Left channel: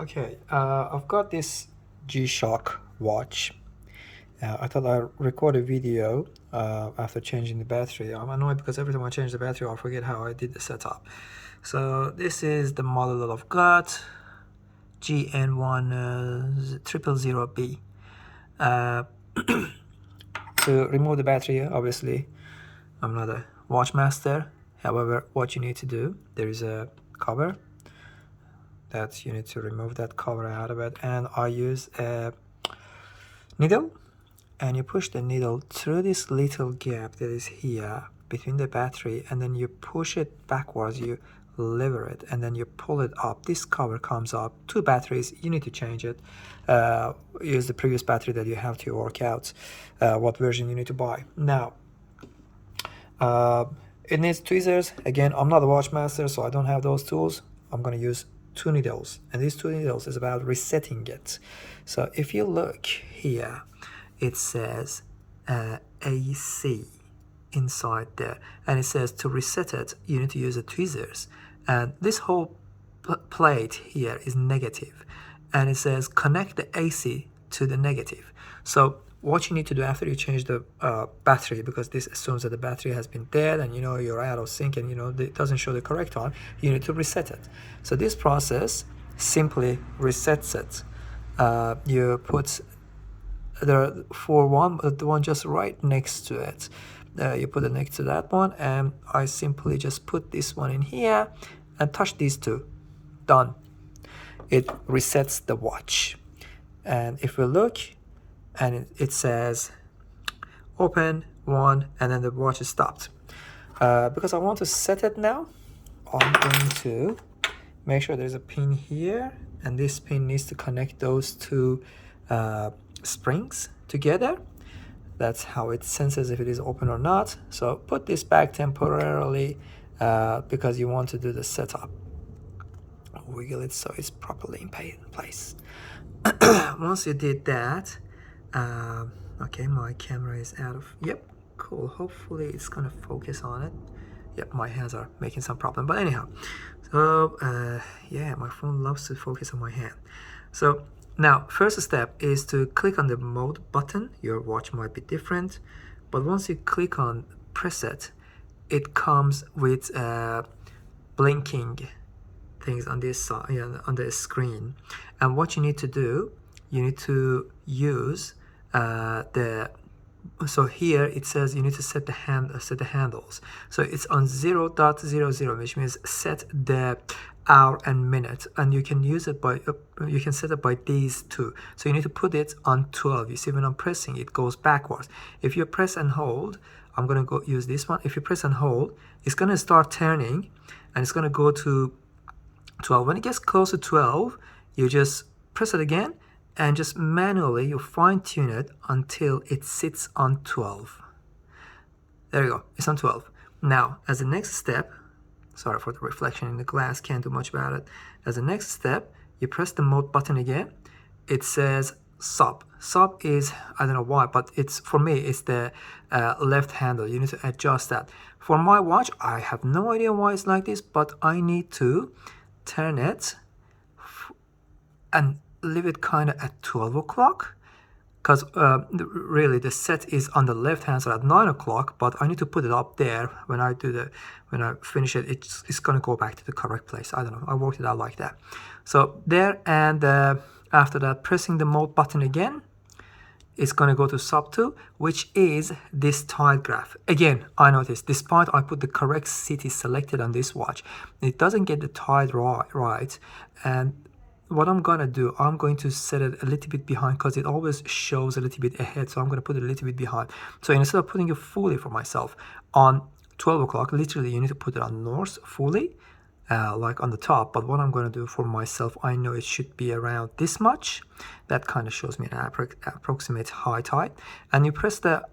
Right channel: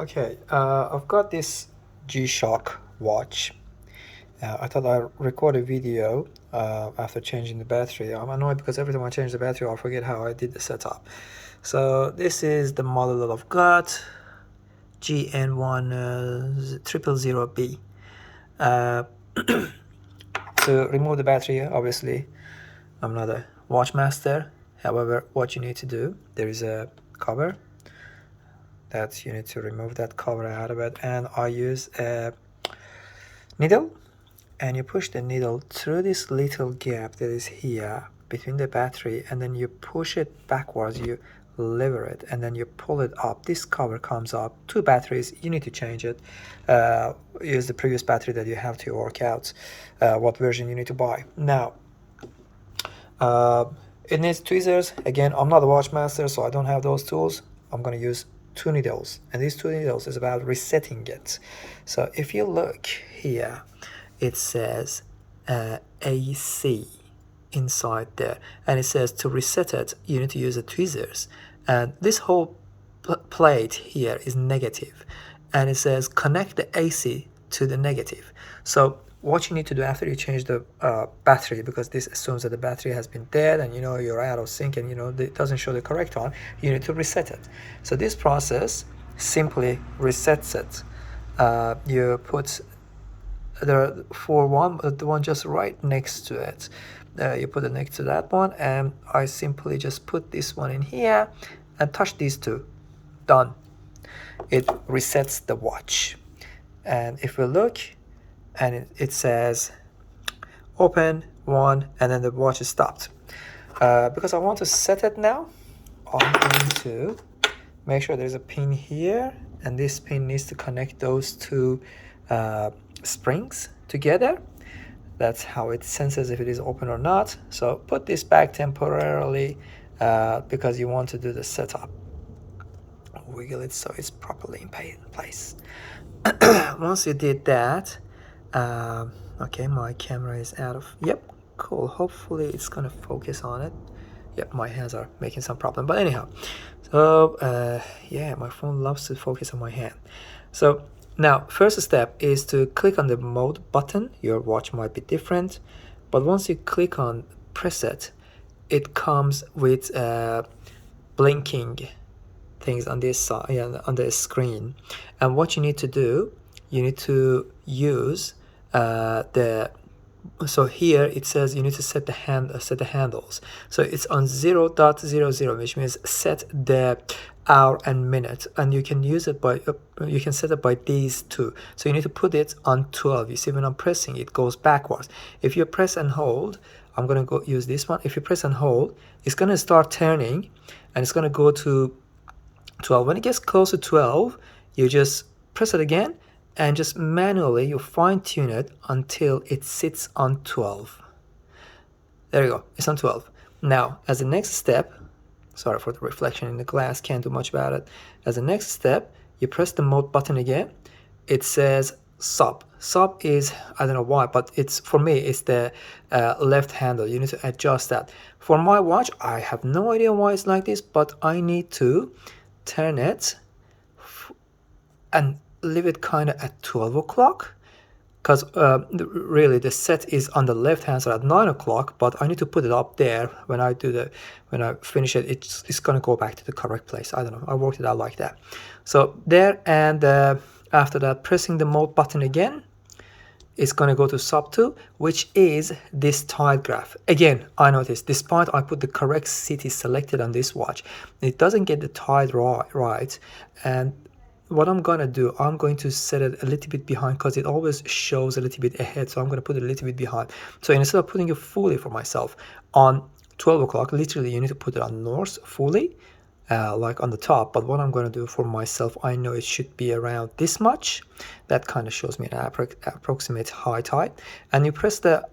Okay, I've got this G-Shock watch. I thought I'd record a video after changing the battery. I'm annoyed because every time I change the battery, I forget how I did the setup. So this is the model that I've got, GN1 000B. To remove the battery, obviously, I'm not a watch master. However, what you need to do, there is a cover that you need to remove that cover out of it, and I use a needle, and you push the needle through this little gap that is here between the battery, and then you push it backwards, you lever it, and then you pull it up. This cover comes up. Two batteries, you need to change it. Use the previous battery that you have to work out what version you need to buy. Now it needs tweezers. Again, I'm not a watch master, so I don't have those tools. I'm going to use two needles, and these two needles is about resetting it. So if you look here, it says AC inside there, and it says to reset it you need to use the tweezers, and this whole plate here is negative, and it says connect the AC to the negative. So what you need to do after you change the battery, because this assumes that the battery has been dead and you're out of sync and it doesn't show the correct one, you need to reset it. So this process simply resets it. You put the one just right next to it. You put it next to that one, and I simply just put this one in here and touch these two. Done. It resets the watch. And if we look, and it says open 1, and then the watch is stopped. Because I want to set it now, I'm going to make sure there's a pin here, and this pin needs to connect those two springs together. That's how it senses if it is open or not. So put this back temporarily because you want to do the setup. Wiggle it so it's properly in place. Once you did that, okay, my camera is out of, yep, cool, hopefully it's gonna focus on it. Yep, my hands are making some problem, but anyhow, so yeah, my phone loves to focus on my hand. So now first step is to click on the mode button. Your watch might be different, but once you click on preset, it comes with blinking things on this side, on the screen, and what you need to do, you need to use so here it says you need to set the handles. So it's on 0.00, which means set the hour and minute, and you can use it by you can set it by these two. So you need to put it on 12. You see, when I'm pressing, it goes backwards. If you press and hold, I'm gonna go use this one. If you press and hold, it's gonna start turning, and it's gonna go to 12. When it gets close to 12, you just press it again, and just manually you fine-tune it until it sits on 12. There you go, it's on 12. Now, as the next step, sorry for the reflection in the glass, can't do much about it. As the next step, you press the mode button again. It says sub. Sub is, I don't know why, but it's, for me, it's the left handle. You need to adjust that. For my watch, I have no idea why it's like this, but I need to turn it and leave it kind of at 12 o'clock, because really the set is on the left hand side at 9 o'clock, but I need to put it up there. When I finish it, it's gonna go back to the correct place. I don't know, I worked it out like that. So there, and after that, pressing the mode button again, it's going to go to sub 2, which is this tide graph. Again, I noticed, despite I put the correct city selected on this watch, it doesn't get the tide right. And what I'm going to do, I'm going to set it a little bit behind, because it always shows a little bit ahead. So I'm going to put it a little bit behind. So instead of putting it fully for myself on 12 o'clock, literally you need to put it on north fully, like on the top. But what I'm going to do for myself, I know it should be around this much. That kind of shows me an approximate high tide. And you press the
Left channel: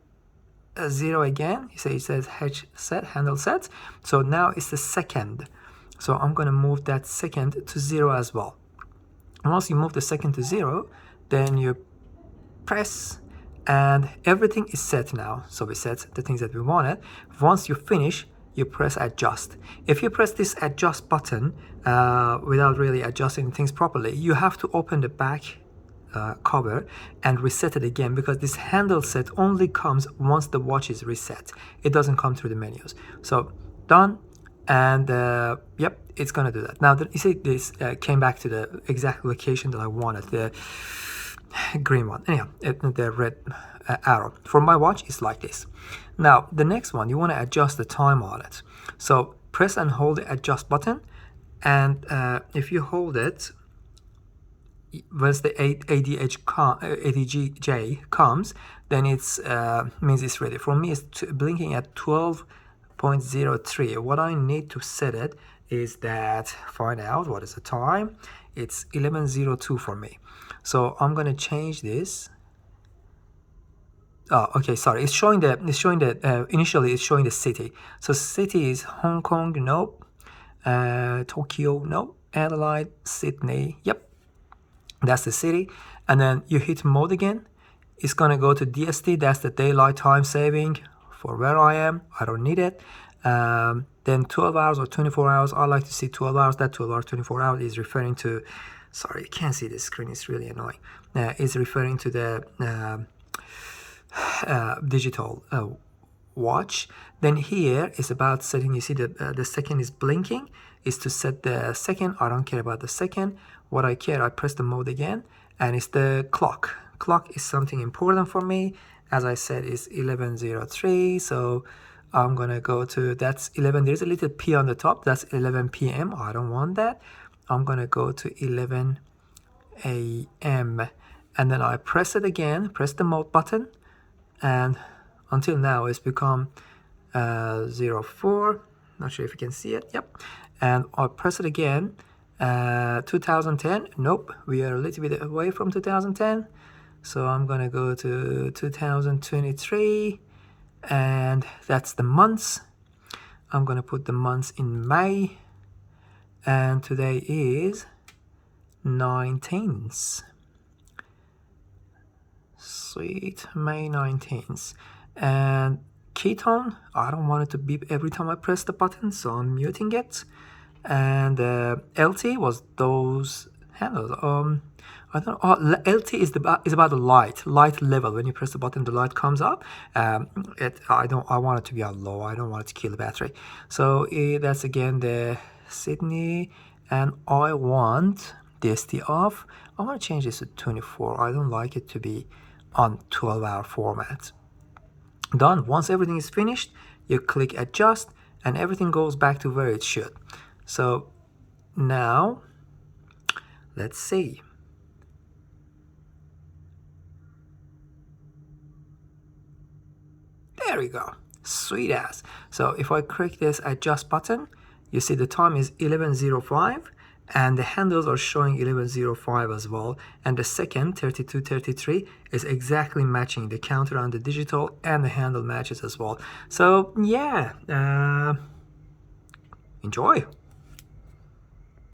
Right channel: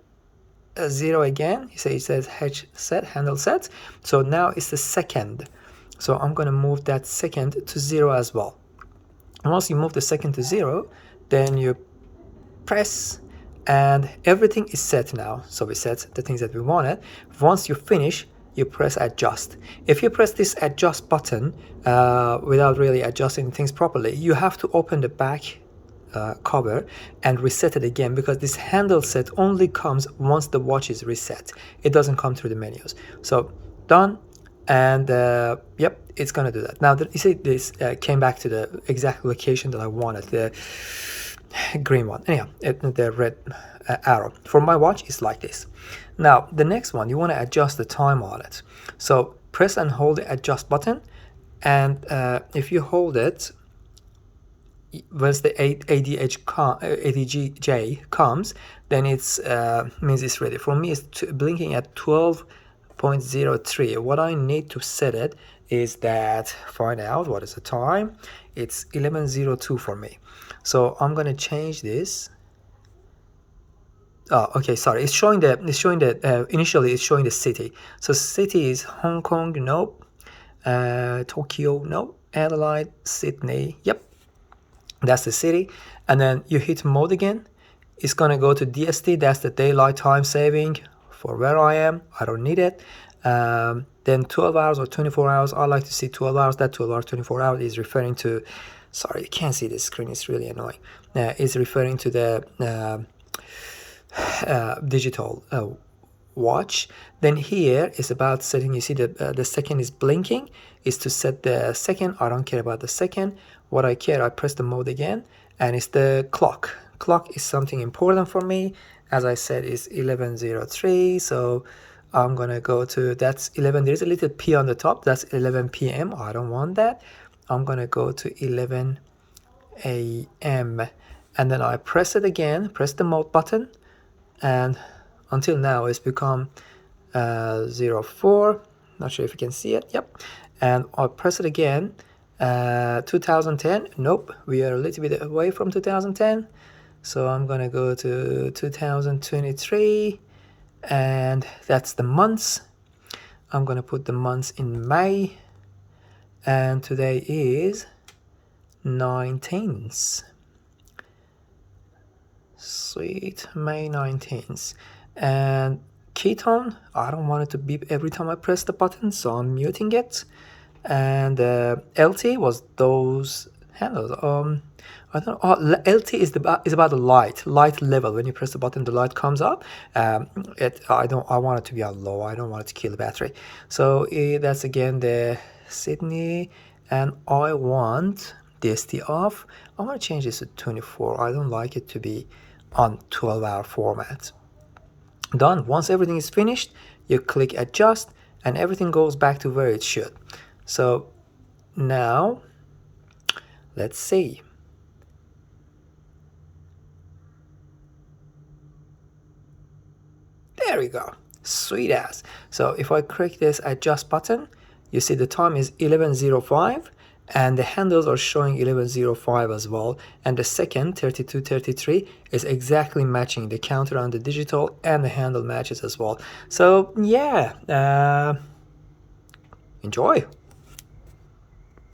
0 again. It says hedge set, handle set. So now it's the second. So I'm going to move that second to 0 as well. Once you move the second to 0, then you press, and everything is set now. So we set the things that we wanted. Once you finish, you press adjust. If you press this adjust button, without really adjusting things properly. You have to open the back cover and reset it again, because this handle set only comes once the watch is reset. It doesn't come through the menus. So done, and yep, it's gonna do that. Now you see this came back to the exact location that I wanted, the green one. Anyhow, the red arrow for my watch is like this. Now the next one, you want to adjust the time on it. So press and hold the adjust button, and if you hold it, once the ADGJ comes, then it's means it's ready. For me, it's blinking at 12.03. What I need to set it is that, find out what is the time. It's 11:02 for me. So I'm gonna change this. Oh, okay, sorry. It's showing the initially it's showing the city. So city is Hong Kong, nope. Tokyo, nope. Adelaide, Sydney, yep. That's the city. And then you hit mode again. It's gonna go to DST. That's the daylight time saving for where I am. I don't need it. Then 12 hours or 24 hours. I like to see 12 hours. That 12 hours, 24 hours is referring to, sorry, you can't see the screen. It's really annoying. It's referring to the digital watch. Then here is about setting. You see the second is blinking. Is to set the second. I don't care about the second. What I care, I press the mode again, and it's the clock. Clock is something important for me. As I said, it's 11:03. So I'm gonna go to, that's 11. There's a little P on the top. That's 11 p.m. I don't want that. I'm gonna go to 11 a.m. and then I press it again. Press the mode button, and until now it's become 04. Not sure if you can see it. Yep. And I'll press it again. 2010. Nope, we are a little bit away from 2010. So I'm gonna go to 2023, and that's the months. I'm gonna put the months in May, and today is 19th. Sweet, May 19th. And ketone, I don't want it to beep every time I press the button, so I'm muting it. And LT was those handles. I don't know. Oh, LT is about the light level. When you press the button, the light comes up. I want it to be on low. I don't want it to kill the battery. So that's again the Sydney, and I want DST off. I want to change this to 24. I don't like it to be on 12-hour format. Done. Once everything is finished, you click adjust, and everything goes back to where it should. So now let's see. There we go. Sweet ass. So if I click this adjust button, you see the time is 11:05, and the handles are showing 11:05 as well, and the second 32:33 is exactly matching the counter on the digital, and the handle matches as well. So yeah, enjoy.